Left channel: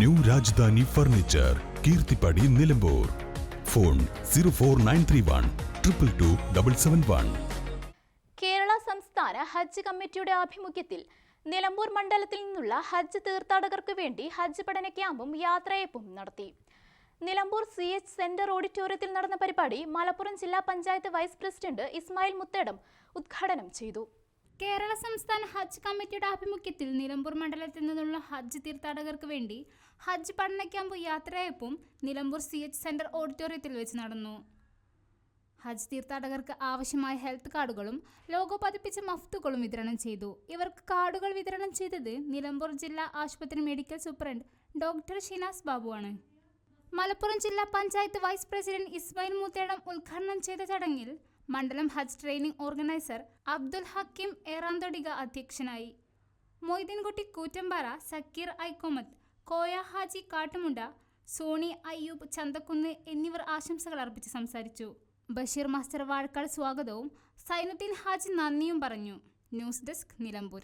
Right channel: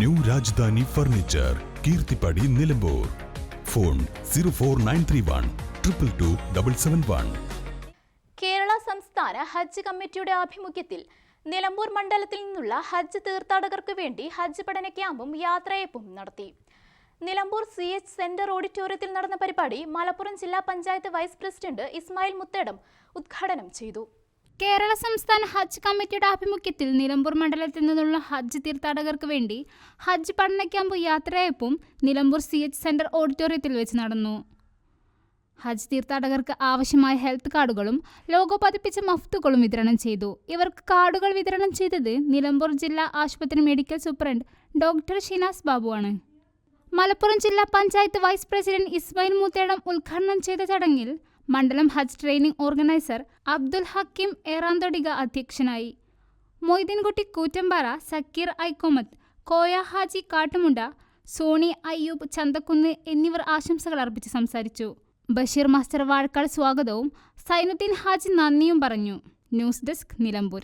New Rajadhani furniture Keerthippadi Nilambur. Phone zero four nine three one triple two double seven one. Kerala സംസ്ഥാന ഹജ്ജ് കമ്മിറ്റിയുടെ ആഭിമുഖ്യത്തിൽ നിലമ്പൂർ മണ്ഡലത്തിൽ നിന്നുള്ള ഹജ്ജ് തീർത്ഥാടകർക്ക് വേണ്ടി ഹജ്ജ് പഠന ക്യാമ്പും യാത്രയപ്പും നടത്തി. നിലമ്പൂർ സി എച്ച് സെന്റർ ഓഡിറ്റോറിയത്തിൽ നടന്ന പരിപാടി മലപ്പുറം ജില്ലാ പഞ്ചായത്ത് വൈസ് പ്രസിഡന്റ് ഇസ്മായിൽ മുത്തേടം ഉദ്ഘാടനം ചെയ്തു. കേരള സംസ്ഥാന ഹജ്ജ് കമ്മിറ്റിയുടെ ആഭിമുഖ്യത്തിൽ നിലമ്പൂർ മണ്ഡലത്തിൽ നിന്നുള്ള ഹജ്ജ് തീർത്ഥാടകർക്ക് വേണ്ടി ഹജ്ജ് പഠന ക്യാമ്പ് യാത്രയപ്പും നിലമ്പൂർ സി എച്ച് സെന്റർ ഓഡിറ്റോറിയത്തിൽ വെച്ച് നടന്നു. ഹജ്ജ് തീർത്ഥാടകർക്ക് ആവശ്യമായ ഹെൽത്ത് കാർഡുകളും ലോഗോ പതിപ്പിച്ച മഫ്തുകളും വിതരണം ചെയ്തു. ഇവർക്ക് കാർഡുകൾ വിതരണം ചെയ്തത് നിലമ്പൂർ ജില്ലാ ആശുപത്രി മെഡിക്കൽ സൂപ്രണ്ട് ഡോക്ടർ ഷിനാസ് ബാബുവാണ് മലപ്പുറം ജില്ലാ പഞ്ചായത്ത് വൈസ് പ്രസിഡന്റ് ഇസ്മായിൽ മൂത്തേടം ഉദ്ഘാടനം ചെയ്ത ചടങ്ങിൽ മണ്ഡലം ഹജ്ജ് ട്രെയിനിംഗ് ഓർഗനൈസർ അബ്ദുൽ ഹക്കിം ഏറാന്തൊടിക അധ്യക്ഷനായി. മൊയ്തീൻകുട്ടി കൂറ്റമ്പാറ സക്കീർ ഐക്കോമത്ത് കോയ ഹാജി കാട്ടുമുണ്ട സോണി അയ്യൂബ് ചന്തക്കുന്ന് എന്നിവർ ആശംസകൾ അർപ്പിച്ച് സംസാരിച്ചു. ബഷീർ മാസ്റ്റർ വാഴക്കാട് സ്വാഗതവും സൈനുദ്ദീൻ ഹാജി നന്ദിയും പറഞ്ഞു. News desk Nilambur.